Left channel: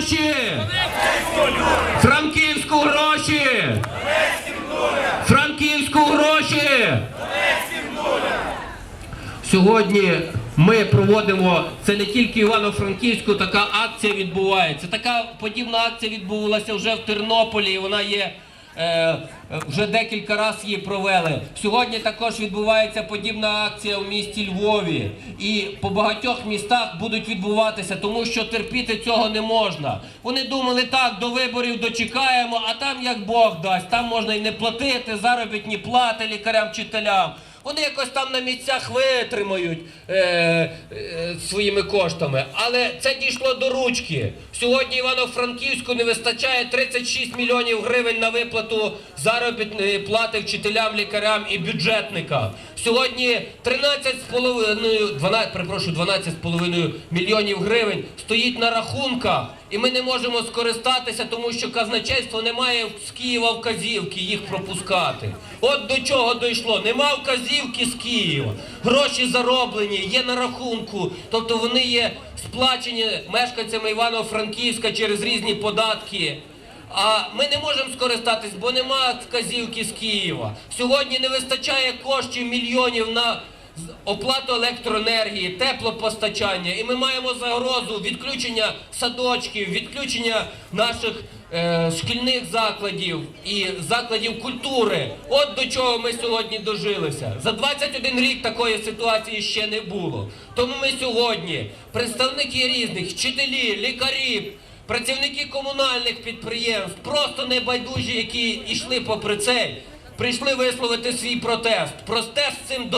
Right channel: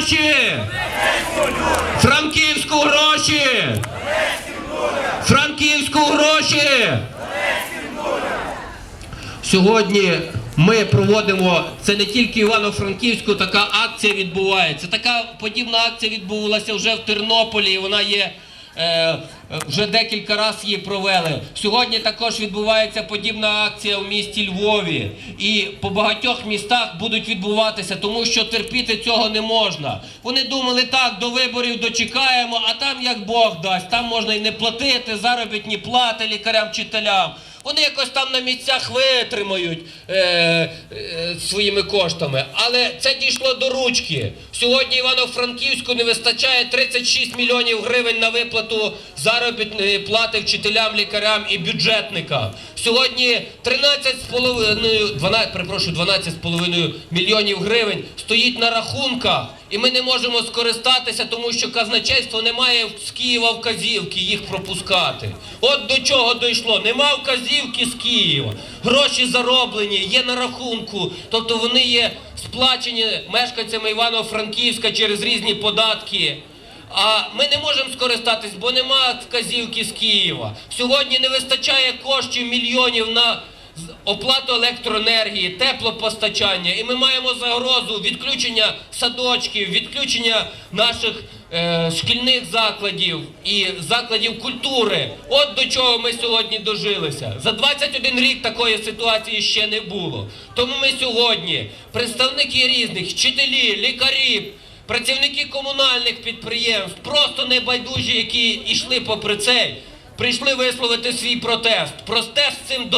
гроші! Франківську гроші! Франківську гроші! Сьогодні ми проводимо це не тільки Івано-Франківську, така акція відбувається. Така подібна акція відбувалася вже в Тернополі. і Вона є вже декілька разів її провели. Сьогодні також відбувається подібна акція в місті Львові. І по багатьох містах будуть відбуватися, тому що терпіти цього не можна. Вони думали, так, до виборів дочекаємо, а там як Бог дасть, там можна і не платити заробітні плати лікарям, вчителям. Вони якось там на місцях витримають е, е, своїми коштами. Але це дійшло до ручки. Сьогодні Івано-Франківську не вистачає 36 мільйонів гривень на виплату заробітної плати вчителям, лікарям і бюджетникам. Сьогодні 13,5, 12, перепрошую, 12,5 мільйонів гривень стоїть на рахунках. І ми не можемо скористатися, тому що казначейство не має з Києва вказівки їх пропускати. От до чого дійшло. Нема вказівки з Києва. Гроші зароблені, є на рахунку. Тобто вони є сплачені мешканцями Івано-Франківська через різні податки. А ми не можемо скористатись, бо нема вказівки з Києва. Сьогодні не вистачає коштів мільйонів на оплату електроенергії, теплопостачання, і ми маємо загрозу відключення садочків, відключення наших е, шкільних закладів і закладів культури. От до чого ми сьогодні дожилися. За 21 рік такої ситуації ще не було. Тому ми сьогодні, представники різних, вчителі, лікарі, працівники комунальних підприємств, просто небайдужі, які йшли попри цей, прийшли висловити свій протест. Протест з цим